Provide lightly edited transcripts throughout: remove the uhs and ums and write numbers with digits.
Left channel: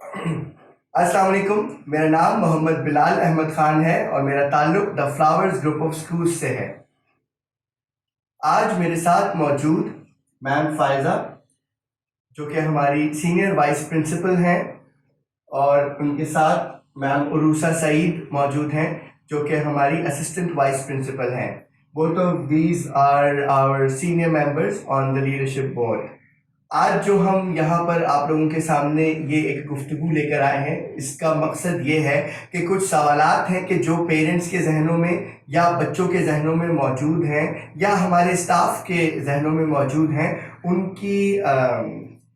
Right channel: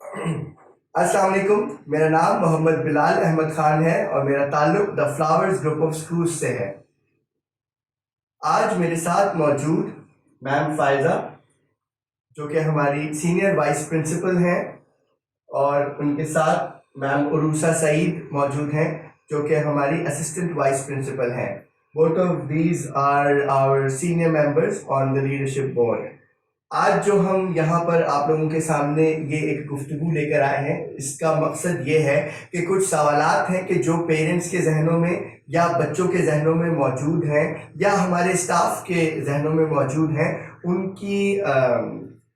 अस्सलाम वालेकुम। मेरा नाम मोहम्मद बिलाल अहमद ख़ान है और मेरा ताल्लुक़ the flowers group of schools से है। आज मेरे साथ मौजूद मैम फ़ायज़ा, जो कि हमारी सीनियर वाइस प्रिंसिपल हैं, और उनके साथ मैम उरूसा सईद मौजूद हैं, जो कि हमारी असिस्टेंट वाइस प्रिंसिपल हैं। Both of these are our senior members on the leadership board. आज जो हम यहाँ पर आप लोगों के सामने ये एक गुफ्तगू लेकर आए हैं, इसका मकसद ये है कि कुछ सवालात हैं कि जो पेरेंट्स के जहनों में या बच्चों के जहनों में मौजूद हैं या हमारे स्टाफ के जहनों में मौजूद हैं, उनकी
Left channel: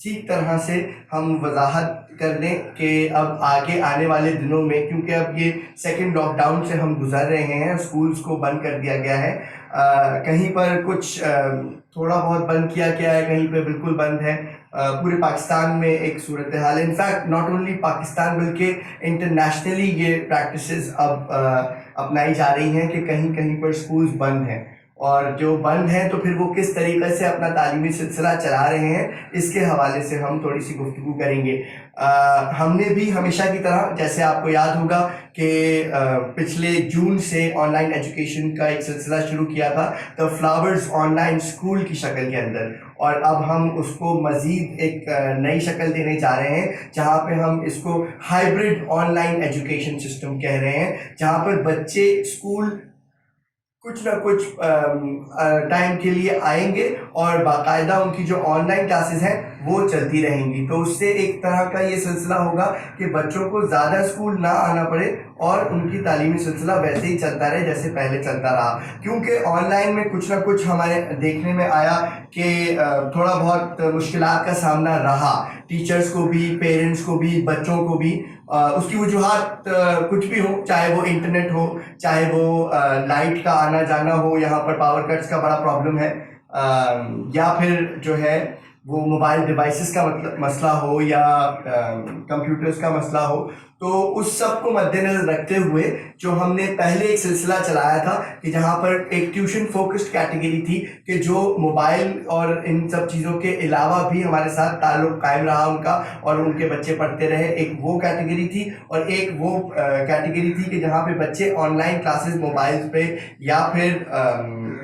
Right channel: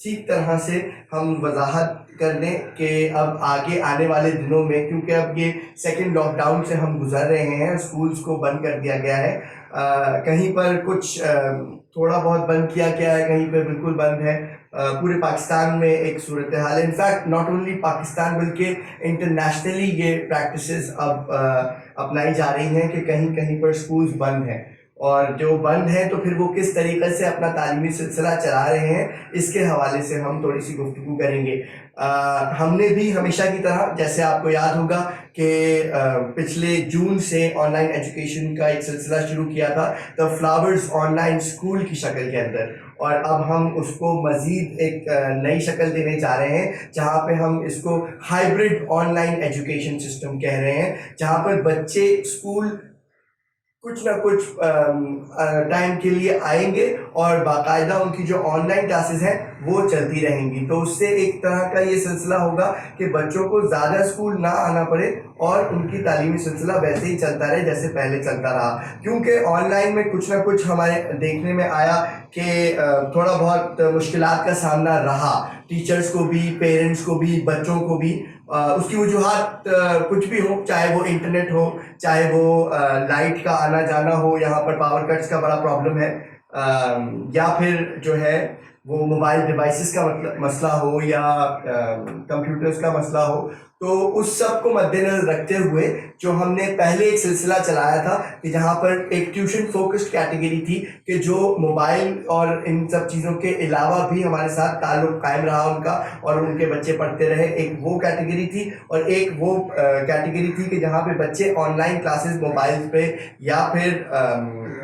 ठीक तरह से हम वजाहत कर लें कि अब आगे आने वाले दिनों में, क्योंकि अब ये सेकेंड लॉकडाउन से हम गुजर रहे हैं, स्कूल्स को बंद कर दिया गया है, कहीं पर कुछ थोड़ा बहुत बंद किया गया है, कहीं पर बिल्कुल बंद है। पूरे पाकिस्तान में एक सूरत हाल है। इनफैक्ट नॉट ओनली पाकिस्तान बल्कि इंटरनेशनली ये प्रैक्टिसेस अब अपनाई जा रही हैं कि कहीं कहीं पर स्कूल्स बंद हैं, और जो बंद हैं तो फिर वो किस तरीके से अपना तालीमी सिलसिला चला रहे हैं, इसके हवाले से हम थोड़ी सी गुफ्तगू करेंगे। हमने भी हमेशा की तरह, जैसे आपको याद होगा कि पिछले जून से ऑनलाइन एजुकेशन का एक सिलसिला शुरू किया था द फ्लावर्स ऑनलाइन स्कूल की शक्ल के अंदर, और अब हम उसको मज़ीद एक नई शक्ल देने जा रहे हैं, जहाँ पे हम इसको हाइब्रिड ऑनलाइन एजुकेशन सिस्टम कह रहे हैं, जहाँ पर बच्चे स्कूल कुछ ना कुछ टाइम के लिए आएंगे और बाकायदा उनकी जो ऑनलाइन क्लासेस हैं वो चलती रहेंगी। तो उससे एक तरह का ये सिलसिला होगा कि बच्चों को ज़्यादा स्कूल ना आना पड़े और उनकी तालीमी सिलसिला वैसे ही चलता रहे जैसे पहले चलता रहा। क्योंकि ऑनलाइन में कुछ ना कुछ हमारे देखने में आया कि थोड़ा बहुत मुश्किलात का सामना रहा, टीचर्स को भी, पेरेंट्स को भी, बच्चों को भी। उसकी वजूहात कुछ भी हो, चाहे वो इंटरनेट हो, चाहे वो लाइट का आना जाना हो, यहाँ पर पावर कट्स का बड़ा प्रॉब्लम है, या फिर जो है वो मोबाइल डिवाइसेस का मसला हो, या कंप्यूटर्स का मसला हो। तो उस सब को मद्देनजर रखते हुए जो हमने पहले एक सिलसिला चलाया था कि जहाँ पर एक ट्यूशन फोकस्ड कैटेगरी थी कि जो मोबाइल और इन सब चीज़ों के अलावा भी हमारे साथ ताल्लुक़ कायम रहा उनका और उनके बच्चे पढ़ते रहे, एक वो कैटेगरी थी। और एक वो कैटेगरी थी कि जहाँ पे बच्चे ऑनलाइन क्लासेस मोबाइल पे या फिर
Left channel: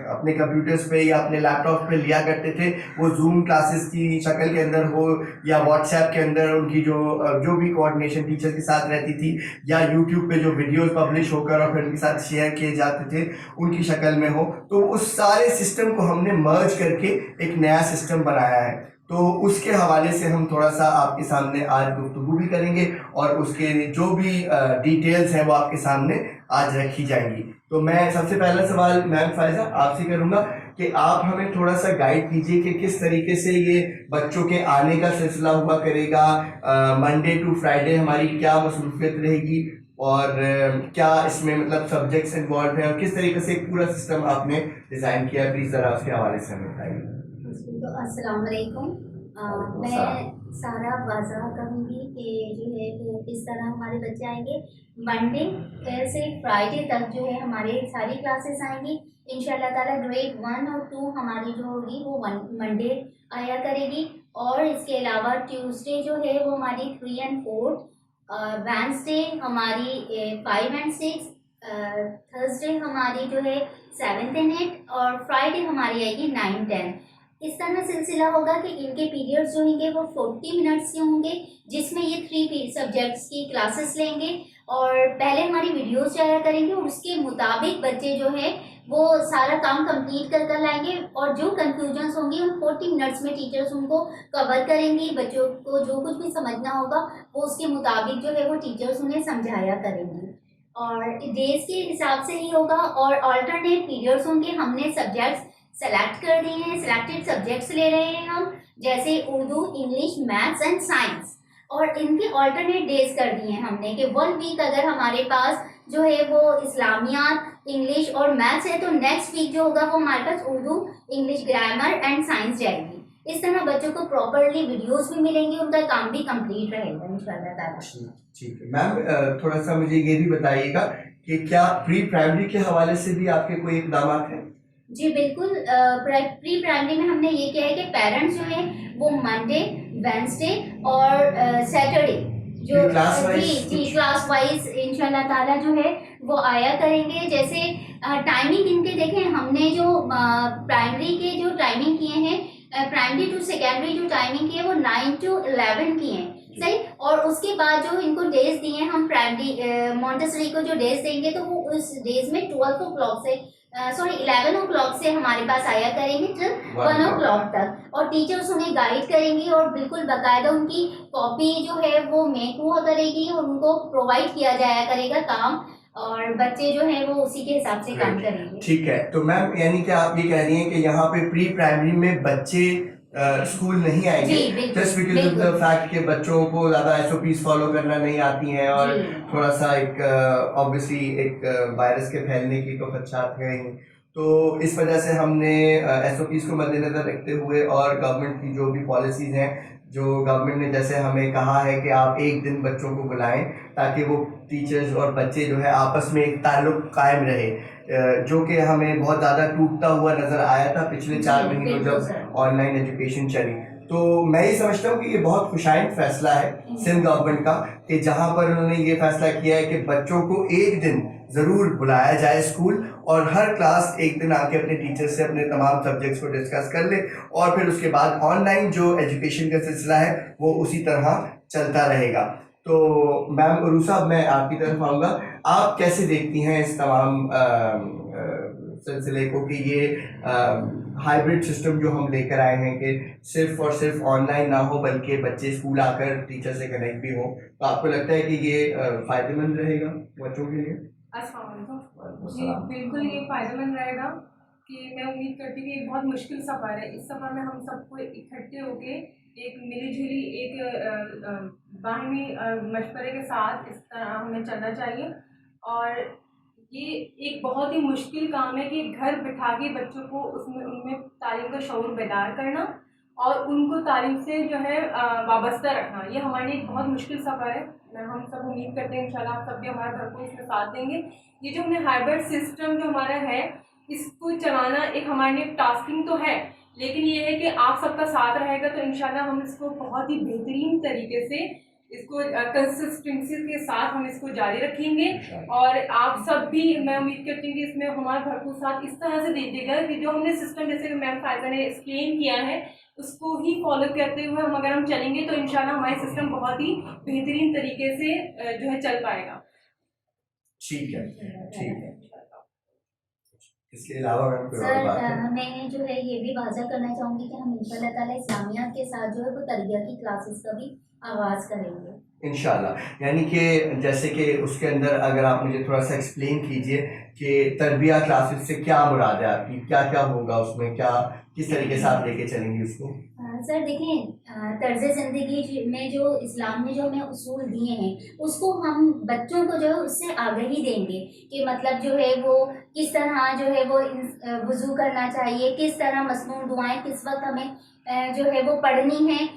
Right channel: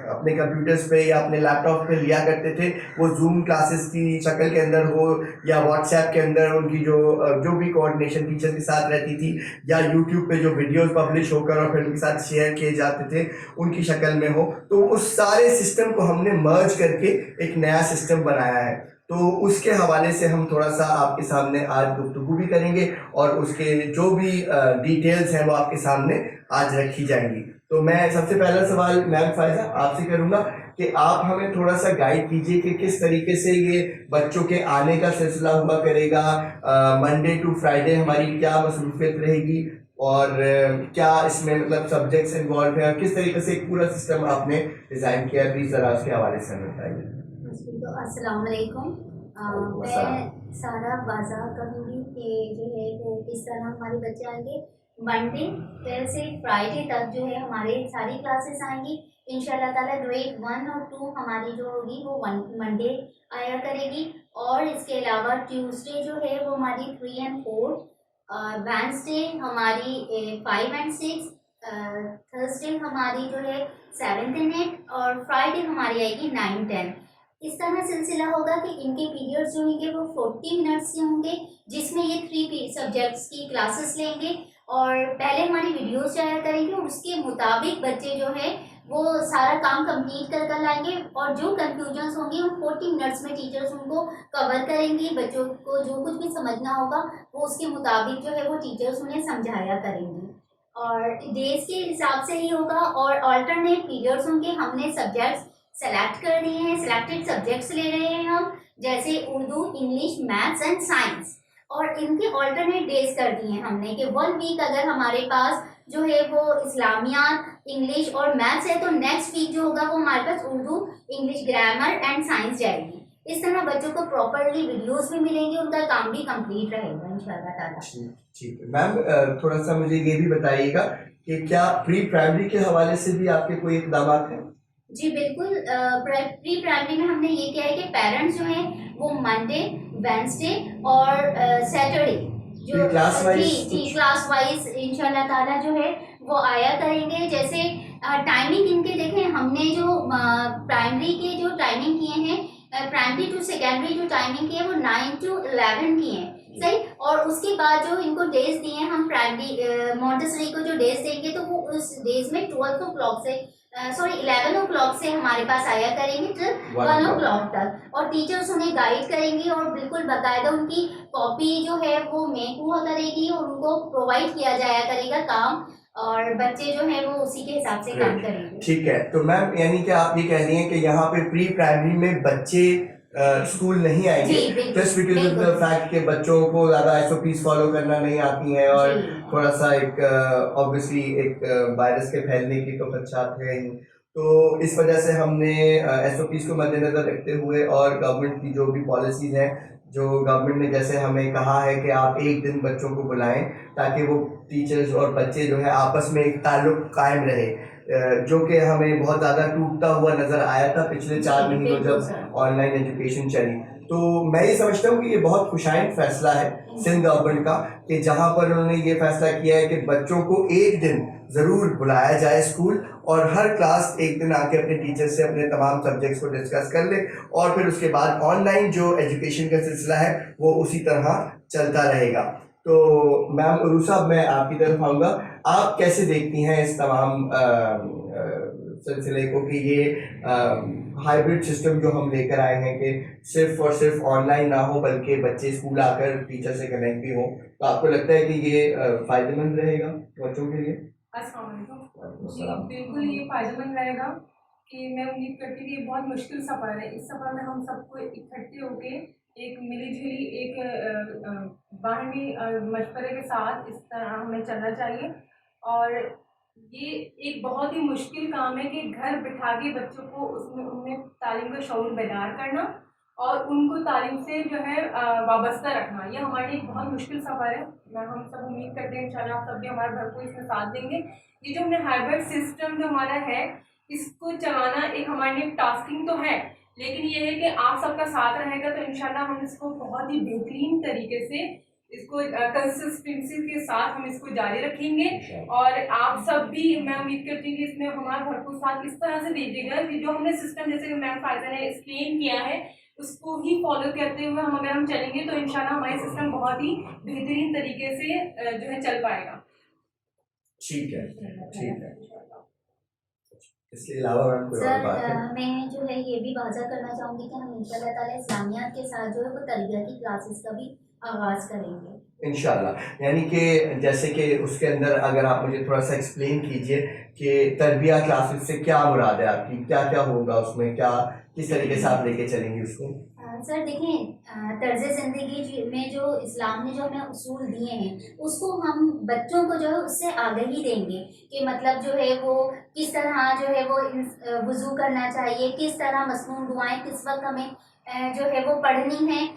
अपने कंप्यूटर्स पे या अपने लैपटॉप पे लिया करते थे, वो जूम क्लासेस की शक्ल के अंदर हो या व्हाट्सएप के अंदर उनकी जो भी कोऑर्डिनेशन टीचर के साथ रहती थी, या यूट्यूब पे जो वीडियोस पब्लिश होकर और फिर उनके साथ शेयर किए जाते थे उनकी शक्ल में हो। तो उस सारे सिस्टम को हमने मर्ज करके एक नया सिस्टम बनाया है। तो उसके हवाले से हम थोड़ा सा आपके सामने आज गुफ्तगू भी करेंगे और उसके जो भी डिटेल्स हैं वो आपके सामने आज रखी जाएंगी। तो मैं सबसे पहला सवाल मैम फ़ायज़ा आपसे करूँगा कि आप हमें थोड़ा सा गाइड कीजिए कि किस तरीके से ये बच्चों के आने का सिलसिला हुआ करेगा, मंडे टू फ्राइडे हमारी क्या मसरूफियत रहेगी, और क्या इसमें मतलब सब्जेक्ट्स इन्वॉल्व हैं, और किस तरीके से एक पूरा सिस्टम आपने डिज़ाइन किया, प्लीज़ ज़रा उसके हवाले से हमें बताइए। तो अस्सलाम वालेकुम। मैं सारा वाज़ह करूँगी कि जो है वो किस तरह हमारे बच्चे आएंगे। मंडे से फ्राइडे तक जो है हमारे सारी क्लासेस आएंगी इंशाल्लाह ताला। ग्रेड 1 और 2 हमारी जो होगी वो मंडे आया करेगी, और इसके अलावा ट्यूसडे जो है वो हमारी 3 और 4, वेंसडे हमारी 5 और 6, थर्सडे हमारी जो है 7 और 8, और फ्राइडे हमारी आएगी 9 और 10। इस तरह सिलसिला होगा कि इनके पीरियड्स जो होंगे वो 40 मिनट्स के होंगे, जिसमें ये 3 सब्जेक्ट्स की क्लासेस लेंगे, और पहले हमारी वीडियोस जाया करेंगे और उसके मुताबिक बच्चे जो है वो सारा काम कंप्लीट कर कर लाएंगे, और जो कंफ्यूजन्स होंगी उन 40 मिनट्स में टीचर्स उनको कवर करेंगी। बच्चों को जो कुछ भी समझना होगा वो उसके मुताबिक जो है वो टीचर्स उन्हें समझाया करेंगी, और डेज के हिसाब से ही होगा। और अल्टरनेट पीरियड्स होंगे। हमने सब्जेक्ट्स सेलेक्ट कर दिए हैं, सिलेक्टेड सब्जेक्ट्स ले रहे हैं हम, जैसे Urdu, English, maths and science, और इनके ऑल्टरनेट डेज कर दिए हैं हमने कि 1 वीक अगर हमारे पास जो है वो इस्लामियात, इंग्लिश और मैथ्स है, तो नेक्स्ट वीक जो होगा वो हमारे पास Urdu, English, grammar and science जाएगी। इस तरह बच्चों को प्रॉपरली वीडियोस भी मिलेंगी, उनका काम भी कंप्लीट रहेगा इंशाल्लाह ताला। ठीक है मैम, थोड़ा सा मुझे ये भी बताइएगा कि क्या प्री प्राइमरी के हवाले से भी आपके कोई इक़दाम हैं? जी बिल्कुल। प्री प्राइमरी में हमने ये किया है कि पेरेंट्स जो हैं वो मंडे, वेंसडे और सैटरडे जो क्लास जी वाइज जी क्लास वाइज इंशाल्लाह ताला जो है वो आया करेंगे। जैसे टाइमिंग इनके देखें, हमने जो प्राइमरी के जो टाइमिंग किए हैं, प्राइमरी टू सेकेंडरी जो टाइमिंग की है वो 9 to 11 की है, सही। और उसके बाद जो इनको डेज दिए हैं हम प्राइमरी मॉन्टेसरी को जो डेज देंगे तो वो उस डेज में 12 o'clock से 11 o'clock से हमारे पास आया करेंगे टिल 1 o'clock तक। और टीचर्स उन्हें गाइड करेंगी और बिल्कुल बाकायदा उनकी कॉपी जो है वो मेक हुआ करेगी और उनको प्रोवाइड किया जाया करेगा काम, और बच्चे जो हैं वो उसी के हिसाब से काम करेंगे। ठीक है, तो मैम यानी कि आप ये कह रही हैं कि यहाँ पे प्री प्राइमरी में बच्चे स्कूल नहीं आएंगे just because of the fact कि बच्चों को ज़्यादा एसओपीज फॉलो करना नहीं आती हैं और थोड़ा सा एक ऑब्वियसली एक वायरस के फैलने की तो खदशात है ही। तो इस वजह से हमने एसओपीज को मद्देनज़र रखते हुए और गवर्नमेंट की जो भी पॉलिसीज़ हैं, जो गवर्नमेंट ने जैसे हमें कहा है कि आप एक दिन बच्चों को बुलाएं ताकि वो टीचर्स और बच्चे जो है आपस में एक ताल्लुक कायम रहे, जो कि हमें बहुत ज़्यादा टूटता हुआ नज़र आया था पिछले 4 महीनों जब ऑनलाइन एजुकेशन चली। तो मैं ये समझता हूँ कि ये बहुत खुशाइंद फैसला है सिंध गवर्नमेंट का कि जहाँ पर उन्होंने ये फैसला किया है कि बच्चों को एक दिन ज़रूर बुलाया जाए स्कूल और हर क्लास एक दिन आके अपने टीचर से अपने तमाम सब्जेक्ट्स को डिस्कस कर ले और फिर उसके बाद ऑनलाइन जो एजुकेशन का सिलसिला है वो उसी तरह चलता रहेगा। तो मैम उरू साहब, मैं आपकी तरफ आऊँगा, आप कैसे देखती हैं इस तमाम सिलसिले को कि ये हाइब्रिड सिस्टम जो हम लेकर आए हैं कि सिर्फ और सिर्फ ऑनलाइन ना हो बल्कि बच्चे स्कूल आकर टीचर से कनेक्ट भी हो, तो आपको लगता है कि ये फ़ायदेमंद रहेगा बच्चों के लिए? अस्सलाम वालेकुम। जी बिल्कुल ये फ़ायदेमंद रहेगा कि मैं उम्मीद करती हूँ कि ये बहुत मुश्किल सफ़र है। इस सफ़र में हम सबको इकट्ठे होके एक मिली-जुली एक बाहमी मशवरे के साथ इस तरह हमें चलना चाहिए। और ये एक बहुत ही मुश्किल काम है कि घर बिठा के बच्चों को उसमें उनमें तालीम का शऊर बेदार करना और उनको तालीम से जो है वाबस्ता रखना। ये हमारे लिए एक बहुत मुश्किल सफ़र है। हम सब उम्मीद करते हैं इंशाल्लाह आप सब भी हमारे घर को इसमें साथ देंगे। ये जो हमने हाइब्रिड सिस्टम जो हमारा है इसको चलाना एक हमारे लिए टास्किंग तो है, लेकिन ये है कि आप सबका साथ रहेगा तो इंशाल्लाह हम इसको बहुत ही बेहतरीन तरीके से इसको कंसिस्टेंसी के साथ हम इसको जारी रखेंगे। और आप सब भी मैं उम्मीद करती हूँ कि इसमें हमारा भरपूर साथ इस तरह से दीजिएगा कि जो हमने सिस्टम जैसे कि मैम फायदा ने एक्सप्लेन किया है उसको ही फॉलो करते हुए हम अगर हम चलेंगे तो इंशाल्लाह हमारा सिस्टम बहुत ही बेहतरीन तरीके से जो है चल पाएगा। ठीक है, ठीक है। इसके अलावा सर मैं जो है ये भी वाज़ा करना चाहूँगी कि हम इंशाल्लाह ताला इस्लामियात के साथ जो है वो तरबिया की क्लासेस का भी आगाज़ करेंगे इंशाल्लाह। यानी कि जैसे कि उसके अंदर अगर आप मुझे थोड़ा सा एक्सप्लेन कीजिए कि तरबिया क्लासेस से क्या मुराद है आपकी, क्या क्या होगा उसमें, क्या किस तरीके से आप लेके चलेंगी उसको? सर देखें, तर्ज़ ज़िंदगी में जो इस्लाम ने जो हमें उसूल दिए हैं उसको हम बच्चों को जो है उससे आगाही देंगे कि मतलब जो है वो किस तरह जो है वो वज़ू करना चाहिए, किस तरह मसनून दुआएं किस वक्त हमें जो है वो पढ़नी है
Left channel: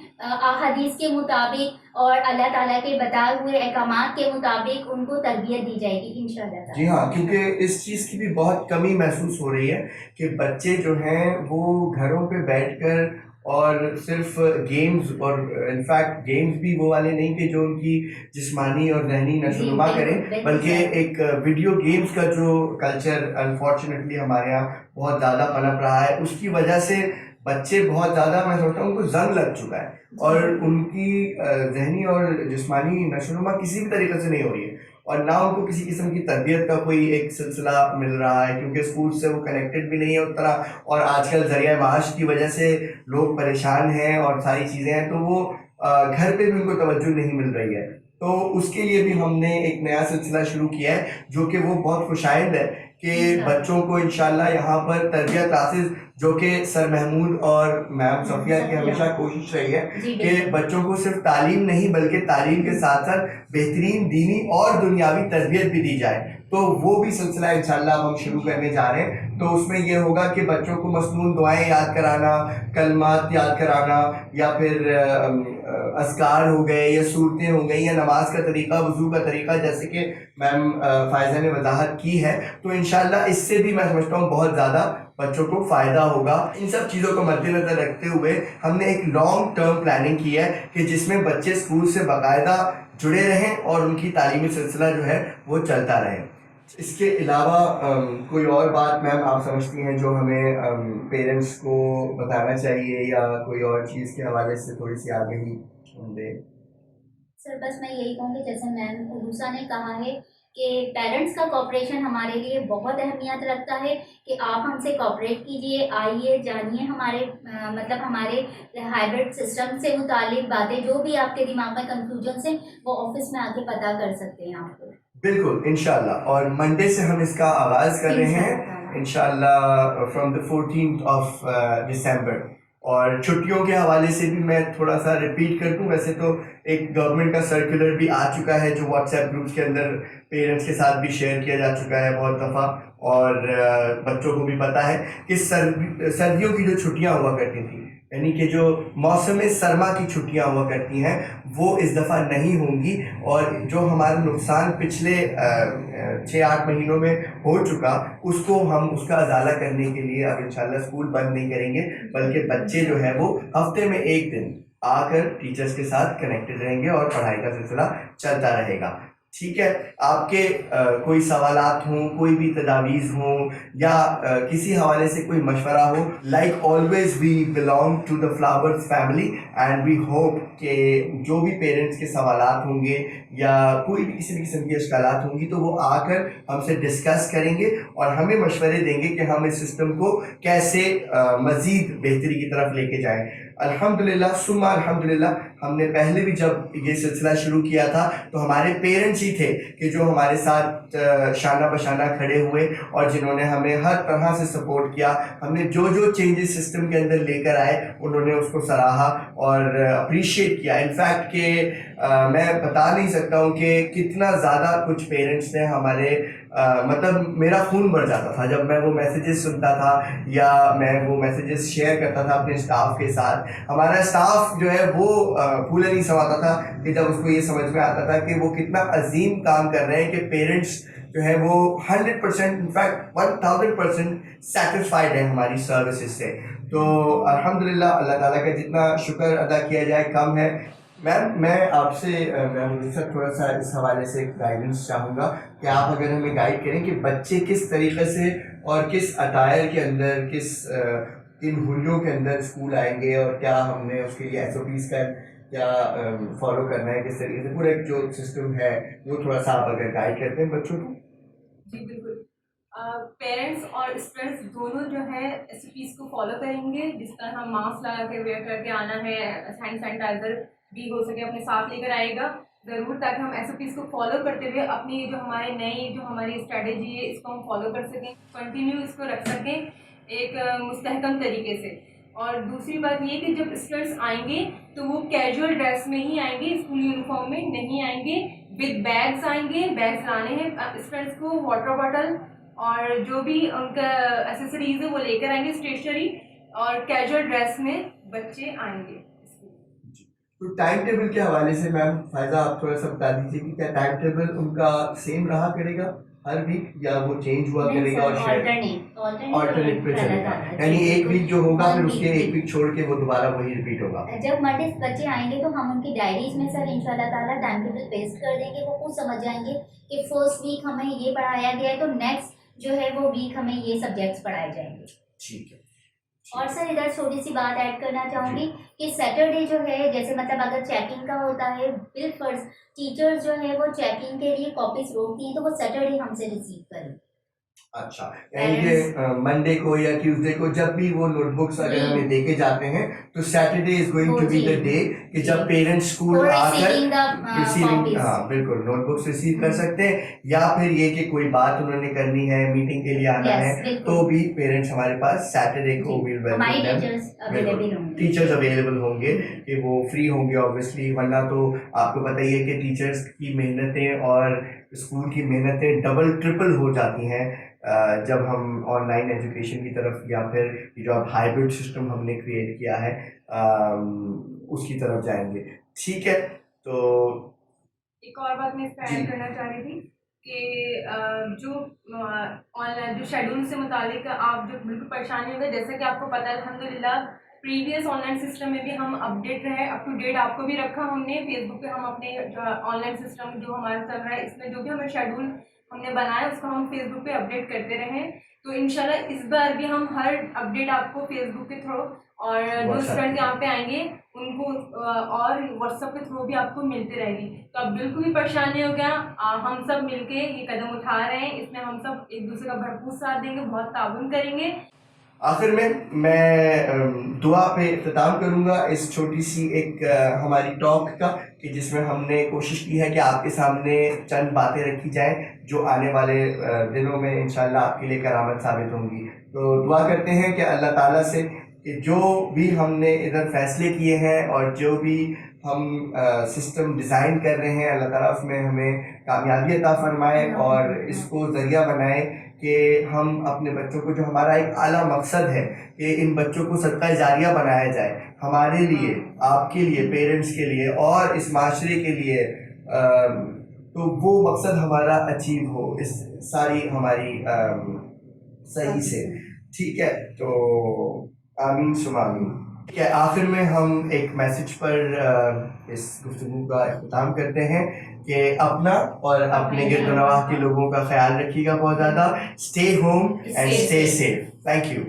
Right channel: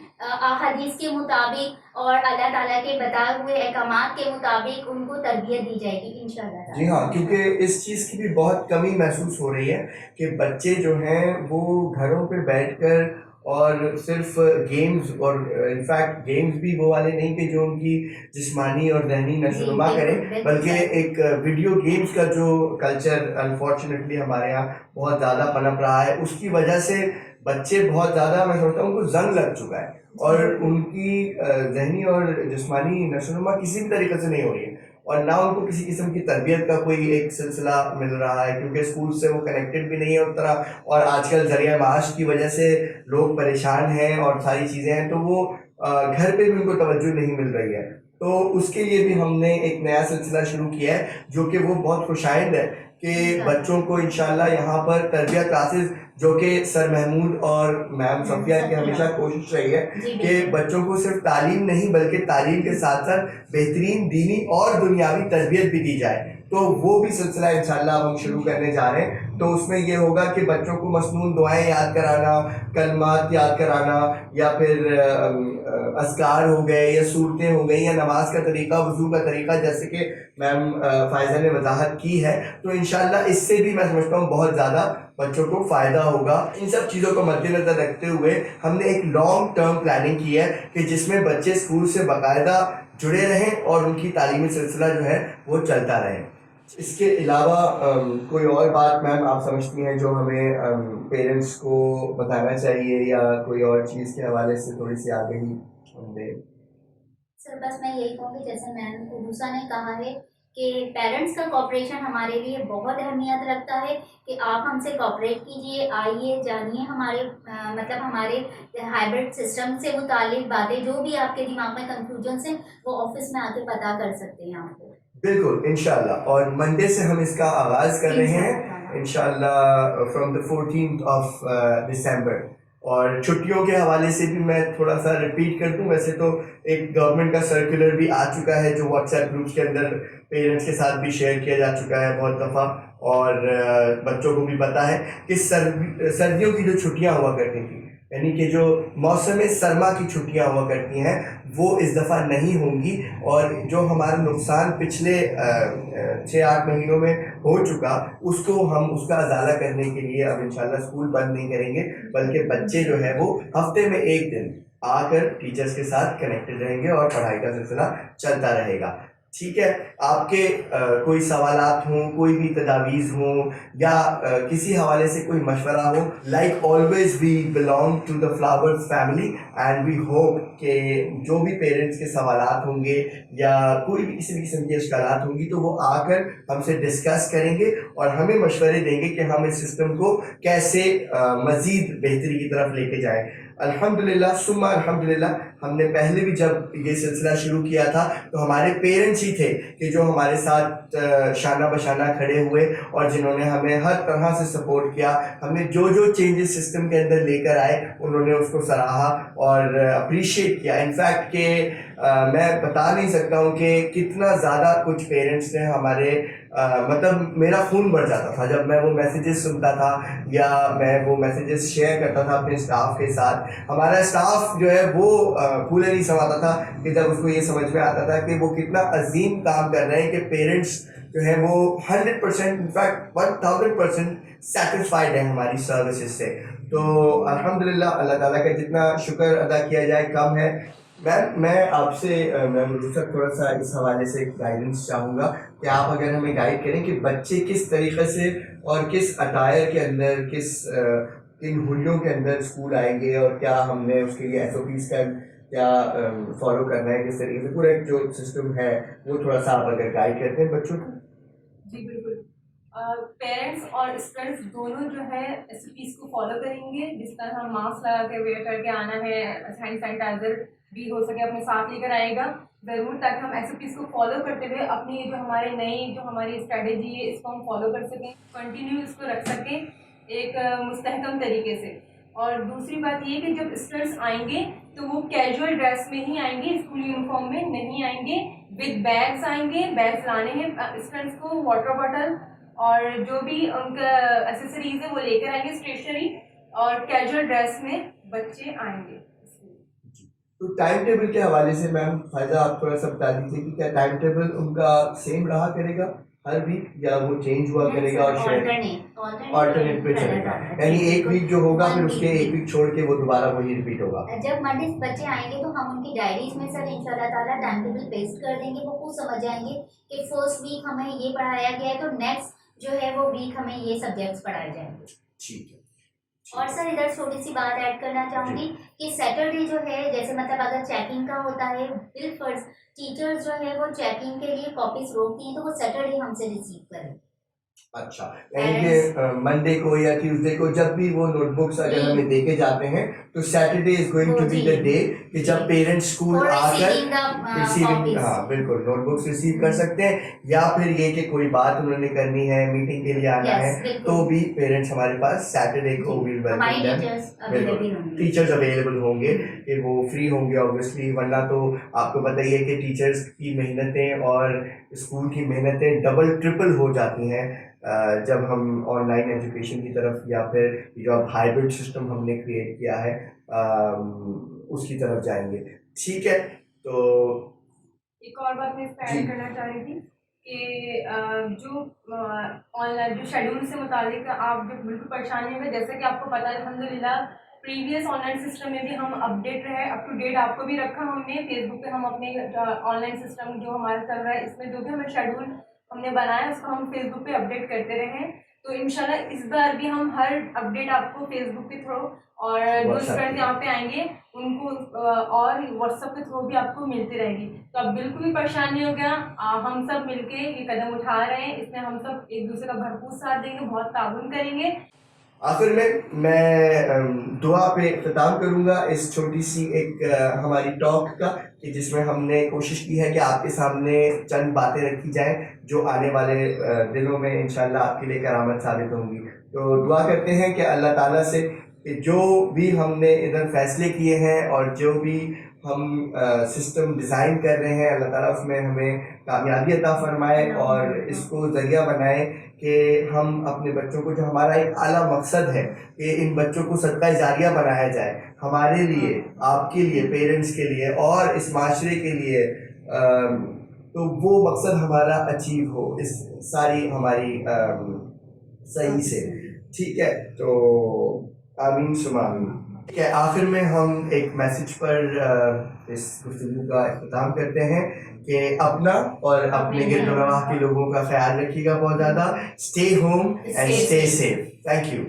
हदीस के मुताबिक और अल्लाह ताला के बताए हुए अहकामात के मुताबिक उनको तरबियत दी जाएगी इंशाल्लाह। जी हाँ, क्योंकि इस चीज़ की भी बहुत कमी महसूस हो रही है कि बच्चे जो हैं वो घरों पे बैठकर और सिर्फ गेम्स, और इनफैक्ट गेम्स भी वो वाले नहीं कि जो उनकी जिस्मानी और ज़हनी नशोनुमा करें, बल्कि एक वीडियो गेम्स का जो कल्चर अनफॉर्चुनेटली हमारे यहाँ बहुत ज़्यादा पनप रहा है, उसकी वजह से बच्चे बहुत ज़्यादा, मैं सोचता हूँ उनको जंग लग चुका है और उनकी ज़हनी और जिस्मानी नशोनुमा किसी भी तरीके से नहीं हो रही है और ना उनको किसी किस्म की तरबियत का कोई एक सिलसिला मिल रहा है क्योंकि स्कूल से वो कनेक्टेड भी नहीं है उस तरह, और आजकल ज़रिया माश की वजह से लोग परेशान हैं और सारी चीज़ें हैं, तो वो घर पे भी उनको तवज्जो नहीं मिल रही है। तो उसके लिए भी हमने एक नया सिलसिला शुरू किया है जो कि वो बहुत खुशाइंद है कि बच्चों को इंशाल्लाह यहाँ पर तरबिया क्लासेस, जो कि सर महमूद और मैम सफिया की हमेशा कोशिश रही है कि बच्चों को सिर्फ तालीम नहीं बल्कि तालीम के साथ साथ बेहतरीन दीनी और दुनियावी तरबियत भी दी जाए, तो वो भी सिलसिला इंशाल्लाह हम शुरू करने जा रहे हैं। तो उसमें ये होगा कि बच्चों को मसनून दुआएं याद कराना, कलमात याद कराना या फिर अस्कार हो गए या सूरतें हो गई या नमाज का तरीका, वज़ू का तरीका, जैसे कि मैम फ़ायज़ा ने वजाहत की है, तो इंशाल्लाह इससे भी मैं समझता हूँ बहुत ज़्यादा बच्चों को फ़ायदा होगा। इन सब चीज़ों को मद्देनज़र रखते हुए हमने एक लॉन्ग टर्म प्लानिंग की है कि जिसमें बच्चे स्कूल से बाकायदा जुड़े रहें और उनकी तालीमी सिलसिला जो है वो चलता रहे। इसके अलावा कोई और बात मैम आप समझती हैं जो हमें पेरेंट्स को बताना चाहिए, या कोई और चीज़ के हवाले से थोड़ी सी आगे ही हम दें? सर बस मैं यही कहूँगी, जैसे मैम उरूसा ने कहा है कि पेरेंट्स का कोऑपरेशन हमारे लिए बहुत अहमियत रखता है, कि आप हमसे कोऑपरेट कीजिए, आइए जानिए हमारे मतलब हमारे हाइब्रिड सिस्टम से मुतालिक बातें, जो भी आपके दिमाग में कंफ्यूजन से, वो ऑफिस में आके पता कर सकते हैं आपको। बिल्कुल इंशाल्लाह, और मंडे से हम इसका आगाज़ कर रहे हैं इंशाल्लाह from the 14th of December. और छुट्टियों के हवाले से भी मैं थोड़ा सा रिपीट कर दूं, वैसे तो एक गवर्नमेंट का सर्कुलर भी आ चुका है जो व्हाट्सएप ग्रुप्स के अंदर पेरेंट्स के साथ भी शेयर किया जा चुका है बहुत दफ़ा, और बच्चों को भी पता है कि सर्दियों की जो छुट्टियां हुआ करती थी, यानी कि जो मौसम सरमा की छुट्टियां हुआ करती हैं, वो इस दफ़ा नहीं होंगी। और जो हमारा नुकसान पिछले 6-8 महीनों में हो चुका, उसको हम उसका अजाला करने के लिए अब इंशाल्लाह स्कूल बंद नहीं करेंगे, बल्कि बच्चे जो है वो हफ्ते में एक दिन आकर टीचर्स के साथ कनेक्टेड रहेंगे और पढ़ाई का सिलसिला चलता रहेगा। ठीक है, आपके कोई सवालात हों, कोई भी तजावीज़ हों, या किसी हवाले से कोई मशवरा हो, like always we belong to the flowers family and we hope कि जो भी पेरेंट्स के सवालात होंगे या कोई भी किसी भी किस्म की इश्कालात होंगी तो वो आकर हमसे डिस्कस करेंगे और हमें मशवरे देंगे कि हम इस सिस्टम को कैसे मज़ीद बेहतरी की तरफ लेके जाएं। अल्हम्दुलिल्लाह सुम्मा अल्हम्दुलिल्लाह, हमने पहले भी जब ये सिलसिला शुरू किया था तो हमारे पेरेंट्स ही थे कि जो हमारे साथ शाना बशाना खड़े हुए और जिन्होंने हमें हर तरह से सपोर्ट किया। हमने जो जो चेंजेस सिस्टम के अंदर लेकर आए उन्होंने उसको सराहा और अप्रिशिएट किया। इनफैक्ट कि मैं बता नहीं सकता हूँ कि कितना ज़्यादा कुछ पेरेंट्स ने हमारे मतलब मेरा खून बढ़ जाता था जब मैं वो मैसेजेस सुनता था या मैं वो मैसेजेस शेयर करता था अपने स्टाफ के साथ। हमारा स्टाफ जो है वो फूले नहीं समाता था कि जब उसको ये समझ में आता था कि वो कितना अजीम काम कर रहे हैं, कि पेरेंट्स जो है वो 100% इनफैक्ट 1000% सेटिस्फाइड है हमारी सर्विसेज से। तो अल्हम्दुलिल्लाह, अल्लाह ताला का जितना शुक्र अदा किया जाए कम है। मैम मैं आपसे मैम रुखसत थोड़ा सा इस हवाले से गाइडेंस चाहूँगा कि आप अगर हमें गाइड करें कि बच्चे किस तरीक़े से और किस अटायर के अंदर, किस किन हुलियों के अंदर स्कूल आएंगे, और क्या हमने उसके लिए SOPs का क्या फॉलो करना है, किस तरीके से पूरा एक जो सिस्टम है वो थोड़ा सा आप अगर गाइड करते हैं बच्चों को। जी बिल्कुल, पेरेंट्स और स्टूडेंट्स दोनों जो है SOPs को फॉलो करेंगे। जिस तरह हम मास्क लगा के वेयर करके आना है, हैंड सैनिटाइजर भी हो सके अपने साथ लेकर आएगा ज़रूर, ताकि हम SOPs को फॉलो करते हुए अपनी जो हमारे नई जो हमारी स्ट्रेटेजी है इसको हम फॉलो कर सकें, कंटिन्यू इसको रख सकें एक मुस्तहकम तरीके से। और दूसरी बात ये कि जब स्टूडेंट्स आएंगे तो वो कैजुअल ड्रेस में ही आएंगे, स्कूल यूनिफॉर्म में नहीं आएंगे, विद बैग्स आएंगे। बैग्स लाने हैं स्टूडेंट्स को, वाटर बॉटल और जो भी उनका एसेसरीज है वो लेकर आएंगे, स्टेशनरी, और कैजुअल ड्रेस में बच्चे आएंगे। तो टाइम टेबल के हवाले से मैम फ़ायदा आप थोड़ा सा बता दीजिए कि क्या टाइम टेबल उनका सेम रहा करेगा हर वीक, या वो चेंज हुआ करेगा और ऑल्टरनेट पे चलेगा, यानी एक वीक जो होगा फिर उसके एक वीक छोड़ के वो दोबारा वही रिपीट होगा। जब मंडे बच्चे आएंगे तो हम उनकी डायरीज में सर इंशाल्लाह ताला टाइम टेबल पेस्ट कर देंगे। वो खुद समझ जाएंगे कि फर्स्ट वीक हमें ये पढ़ाया गया है तो नेक्स्ट जो है वो वीक हमें ये सब्जेक्ट्स पढ़ाए जाएंगे। ठीक है। और सर इधर थोड़ी सी बात ऐड करना चाहूँगी कि सैटरडे जो है, जैसे मतलब अगर चेकिंग का होता है, बिलफर्ज टीचर्स जो है वो चेकिंग के लिए कॉपीज रोकती हैं, तो वो सैटरडे हमसे रिसीव करें। अच्छा, यानी कि मंडे को या ट्यूसडे को जब भी वो नोटबुक्स अगर हमें देके जाते हैं तो Saturday is going to be the day कि जब पेरेंट्स स्कूल आकर रिसीविंग, हाँ बिल्कुल, नोटबुक्स रिसीव कर सकते हैं, या फिर ये कि कोई बात उन्होंने करनी है, मीटिंग के लिए आना है, तो भी पेरेंट्स हमारे पास सैटरडे को will welcome them. Teachers available होंगे कि वो फ्री होंगे ऑब्वियसली, वरना तो आपको बताइए कि टीचर्स की मेहनतें और स्कूल की मेहनतें डबल ट्रिपल हो जाती हैं जब हम ऑनलाइन एजुकेशन की तरफ या फिर जो अब हाइब्रिड सिस्टम हमने क्रिएट किया है उसकी तरफ जाएंगे। ठीक है, तो एक और बात मैं इस पर जी। ऐड करना चाह रही थी कि जो ऑनलाइन जो शेड्यूल से मुतालिक आप जो बिल्कुल परेशानी होगा, जैसा कि आपको पता है अल्हम्दुलिल्लाह प्रीवियस ऑनलाइन सिस्टम में भी हम अपडेट रहे, अप टू डेट आपको भी रखा हमने फेसबुक पे। हम अपने ऑनलाइन सिस्टम जो हमारा चल रहा है इसमें जो भी हमें शेड्यूल हमने बनाया उसको हम फेसबुक पे अपडेट करते रहे। तो इंशाल्लाह इस बार भी हम हर अपडेट आपको फेसबुक के थ्रू और जो WhatsApp स्टूडेंट पे। यहाँ पे आएंगे उनको और व्हाट्सएप के थ्रू भी आपको मिलती रहेगी। तो अब बिल्कुल भी परेशानी हो गया, हम सब मिलके ये कदम उठा रहे हैं, इसमें हम सब एक दूसरे का भरपूर साथ देंगे, बहुत ताउन करेंगे। आखिर में मैं दुआ पे इख्तिताम करूँगा इस छोटी सी एक हमारी टॉक का, कि जिसमें हमने कोशिश की है कि आपके सामने चंद बातें रखी जाएं जो आने वाले दिनों में इंशाल्लाह आपके लिए करामत साबित होंगी। तो दुआ करते हैं कि अल्लाह ताला से कि जो भी हमने इधर फैसले किए हैं और जो भी हम सिस्टम डिज़ाइन कर रहे हैं, अल्लाह ताला उसमें हमें कामयाबी अता फरमाए और इसको ज़रिया बनाए कि हम अपने बच्चों को, जो हमारा एक आला मकसद है कि इन बच्चों को सदका जारिया बनाया जाए, हमारे लिए, आपके लिए, पेरेंट्स के लिए और इस माशरे के लिए, तो वो मकसद हमारा अचीव हो इस सारी हमारी सही से। ठीक है, तो आमीन सुमा आमीन। ठीक है, आखिर में हम एक मैसेज पर इस गुफ्तगू का इख्तिताम करते हैं कि अपना और अपने गिरद नवाह के लोगों का ख्याल रखिएगा बहुत ज़्यादा। Stay home and stay safe. Thank you.